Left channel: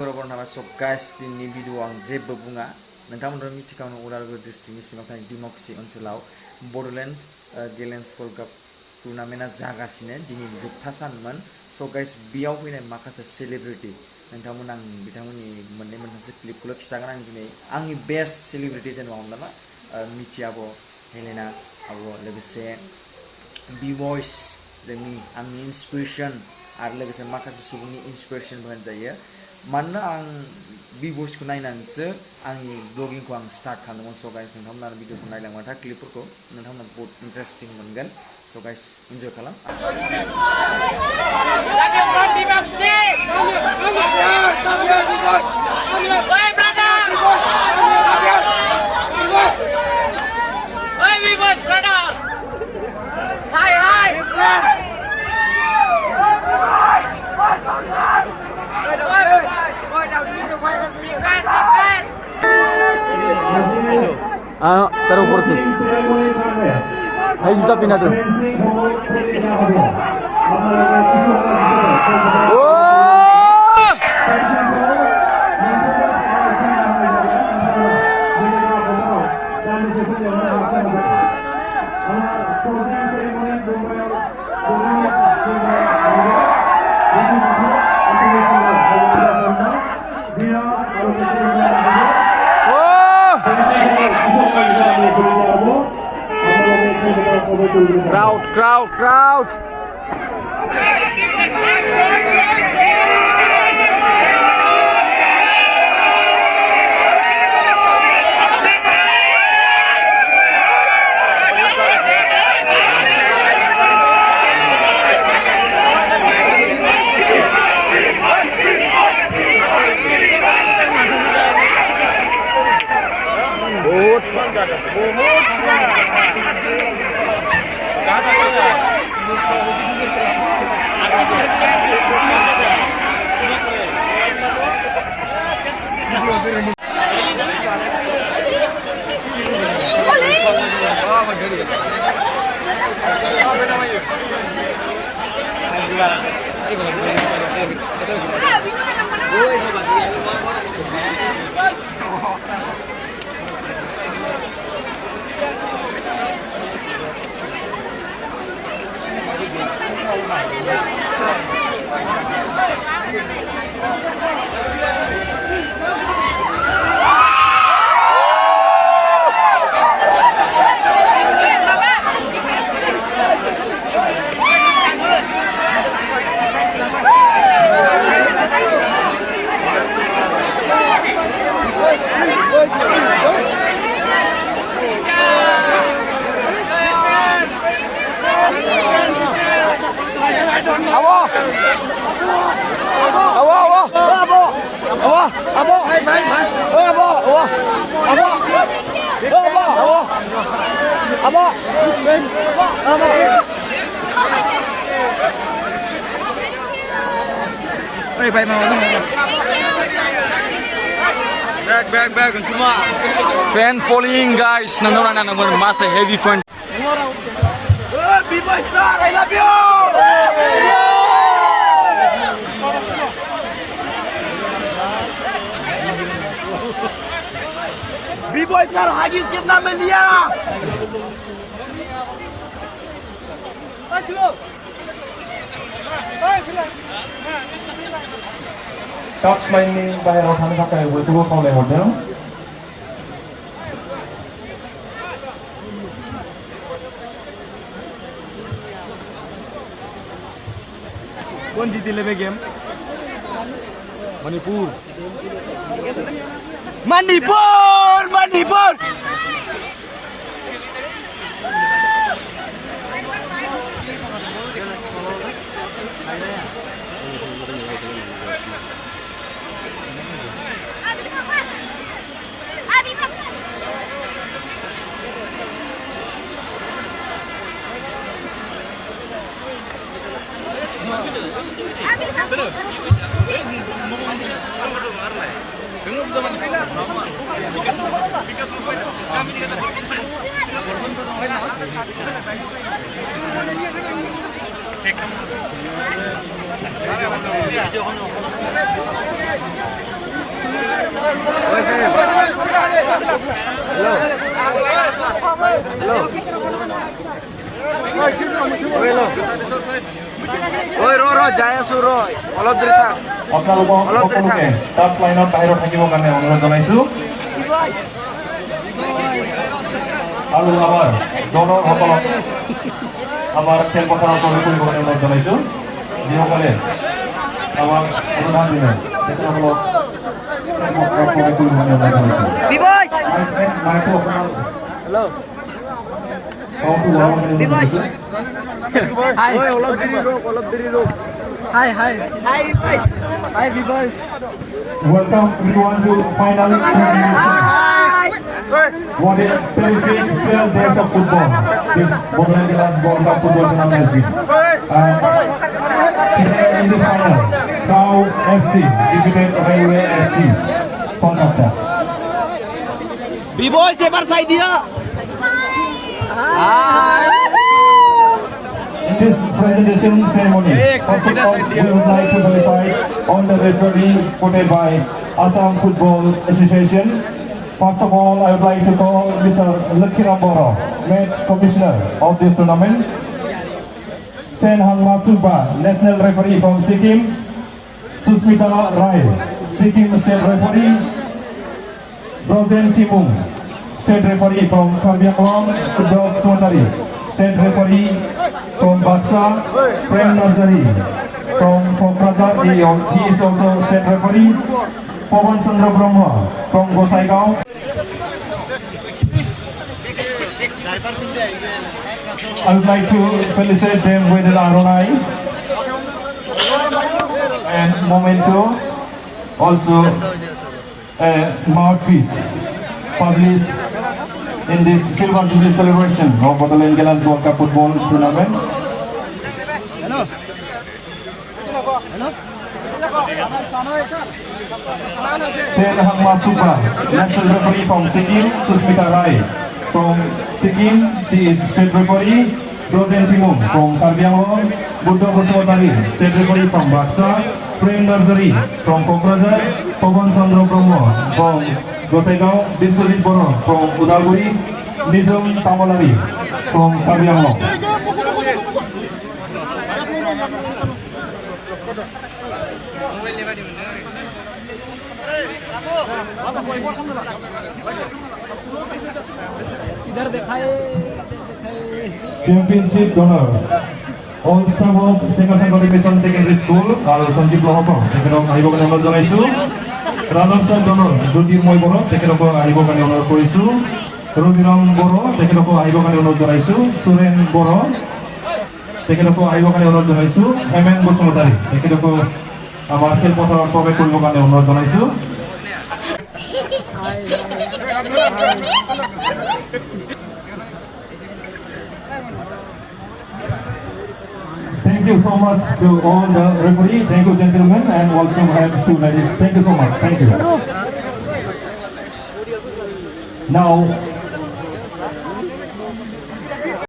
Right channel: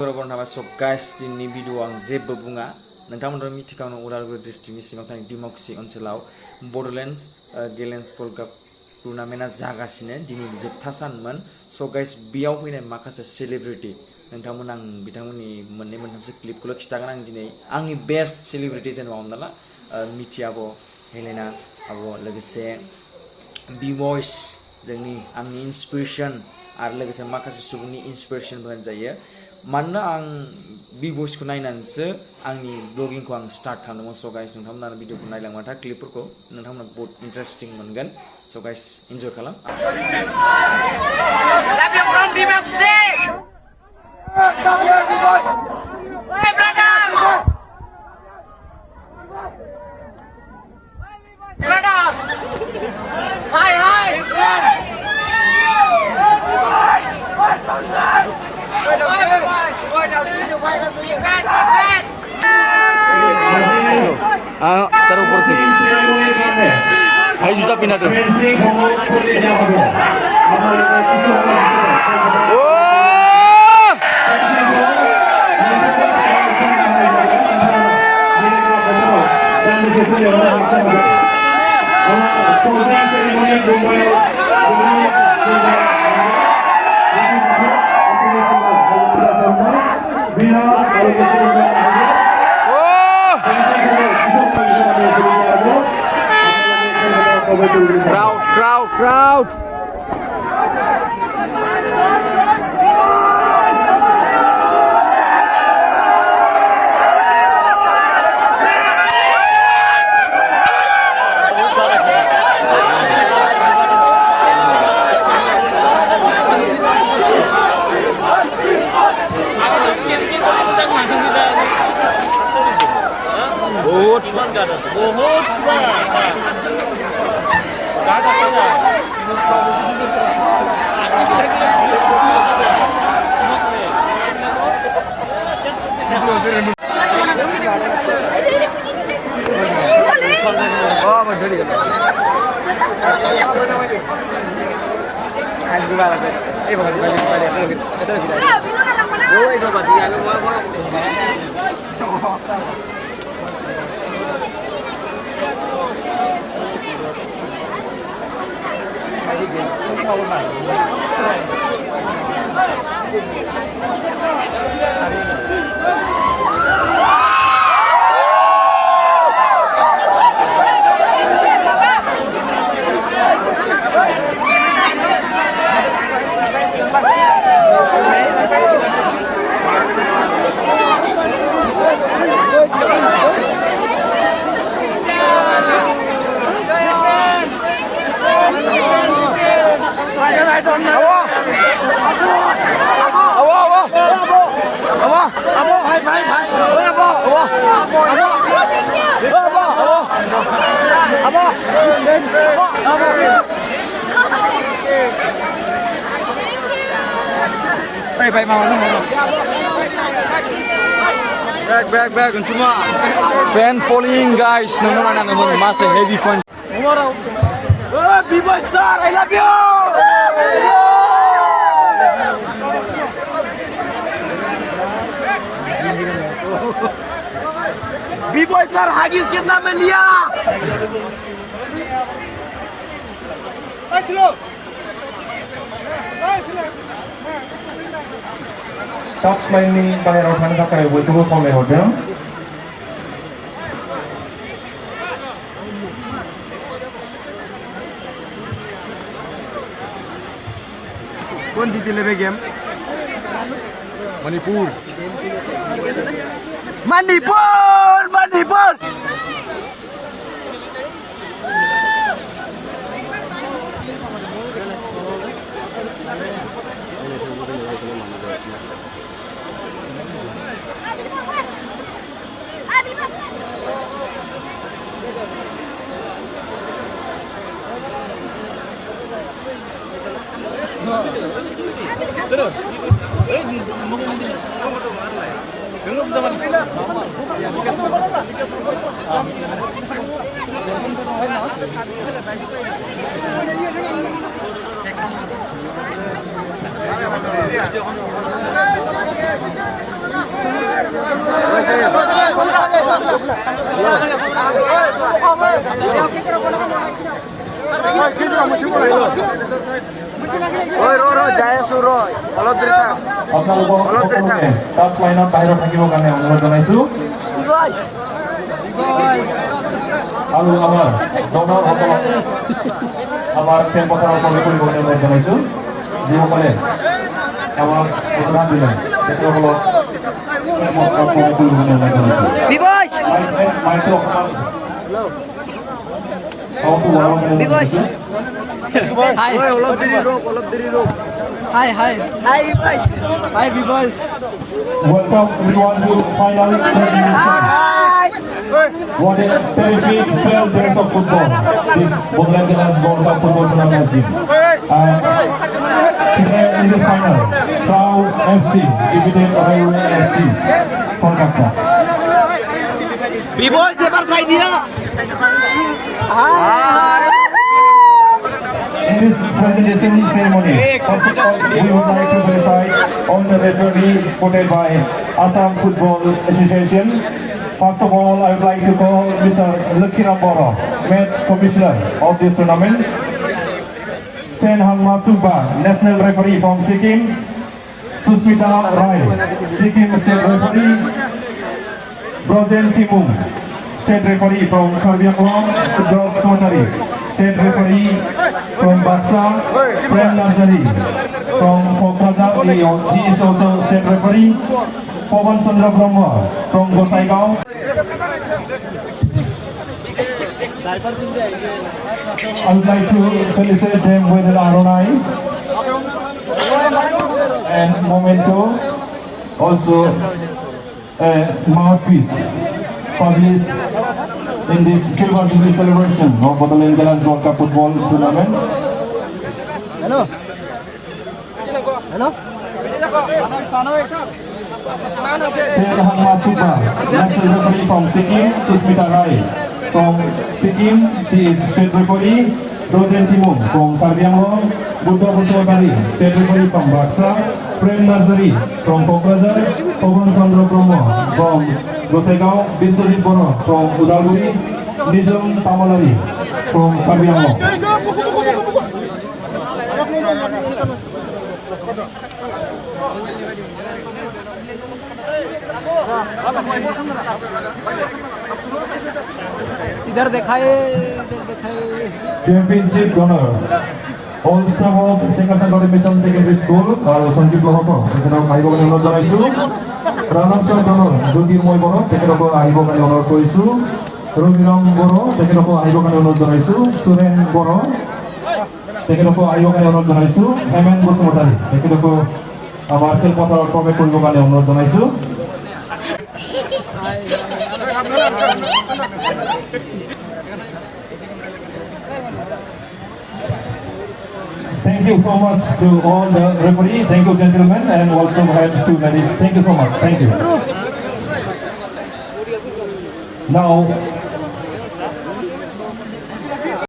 Guys दिनैनि video आं जेबो बुङा नोंथांमोनहा मिथिखागौ उदालगुरि डिस्ट्रिक्टनि सिङाव थानाय डिमाकुसि ओनसोलाव बड'लेण्ड गेलेन्स वर्ल्ड काप टुर्नामेन्टआ जागासिनो दिनै जोबथा सानमोन स' गाइस बेयाव फैनाय माखासे सेलिब्रिटि नोंथांमोन आं बिथांमोननि मोननै मोनथामसो क्लिपखौल' खिथागोन आं दिनै आंनि बेस्ट सेलिब्रिटि जेनेबा हमना ला मिथि आब' हेलेना आब' लोगोसे बि बयस जोंनि आंनि इन्सपिरेसन आरो लोगोसे माखासे सुबुंनि इन्सपिरेसनबो होनजायो मानोना आं बि बयसखौ नायनानैसो आंनि ब्लगिंखौ आं स्टार्ट खालामदोंमोन स' गाइस नोंथांमोना भिडिअखौ नायलांबाथाय क्लिपफोरखौ नोंथांमोना बहुत इन्टारेस्टिं मोनगोन स' गाइस इन्जय खालाम taruh portu. Ayo juta pindah tuh. Crowd. Back semua. Fan following guys, nonton masa heavy fun. B-boy sir, I love you. B-boy sir, Haggis कितना में लिया? Touchline बाहेराव थांनो थाखाय बयखौबो खावलायहरदों कौन जीती ले गेम मणिपुर আপোনালোকক সকলোকে টাচ লাইনত বাহিৰত থাকিবৰ কাৰণে অনুৰোধ জনাইছোঁ আৰু আমাৰ দলৰ সকলক আমাৰ খেলপথাৰৰ প্ৰৱেশ কৰিব কাৰণে অনুৰোধ জনাইছোঁ যিসকলে আমাক অনুদান দিলে তেখেতসকলক খেলপথাৰত প্ৰৱেশ কৰিব কাৰণে অনুৰোধ জনাইছোঁ মাইকটো অকণমান চাউণ্ডটো বঢ়াব কাৰণে অনুৰোধ জনাইছোঁ Hi. Hi, Vivoice. Welcome everyone to final termination. What a terrific 12 days of football this Boduland Galas World Cup football tournament has been. Today in this final, Crown FC defeated Railway FC Kolkata. Vivoice, ever side here. Hi. In this presentation ceremony, first of all, we would like to felicite on the referee voted by Assam Football Association. First of all, I would like to call Mr. Lakhiram Bora, match commissioner of this tournament. Sen Hangma Suba, national referee from Sikkim. Susmita Rai, Sikkim state referee. Broden Timung, state referee from Karbi Anglong, Udog Sumatari. State referee from Baksa, Prem Nazari from Kokrajar, he is also state referee. Pawan Chandra Brahma from Gosaigao. I would like to felicitate them with an Aronai and Momento, also a mouthpiece published in this Silver Jubilee celebration of Boduland Galas World Cup football tournament. Sen Hangma Suba, national referee from Sikkim. Susmita Rai from Sikkim, she is state referee. Broden Timung from Karbi Anglong. Buddha Boswatari, state referee from Baksa. Prem Nazari from Kokrajar. Pawan Chandra Brahma from Gosaigao. Biswajit Bora from Udalguri. Nizam Tamalari from Karbi Anglong. इधर दिखाए Championship donor, all staff of Sengkasangkari Mission Secondary School, Sanjeev Lohoko, তেখেতক আহিবৰ কাৰণে অনুৰোধ জনাইছোঁ। ৰাণাংশ donor, Jyotirmoy বড়ো, তেখেতকো আহিবৰ কাৰণে অনুৰোধ কৰিছোঁ। ৰবিৰাম বড়ো, তেখেতকো আহিবৰ কাৰণে অনুৰোধ জনাইছোঁ। সুৰেন বড়ো, তেখেতকো আহিবৰ কাৰণে অনুৰোধ জনাইছোঁ। হেমেন বসুমতাৰী, তেখেতকো আমাৰ খেলপথাৰত প্ৰৱেশ কৰিবৰ কাৰণে অনুৰোধ জনাইছোঁ। Thank you so much to all the referees. Thank you, gentlemen, and also head to ladies. Thank you so much. Thank you. Now,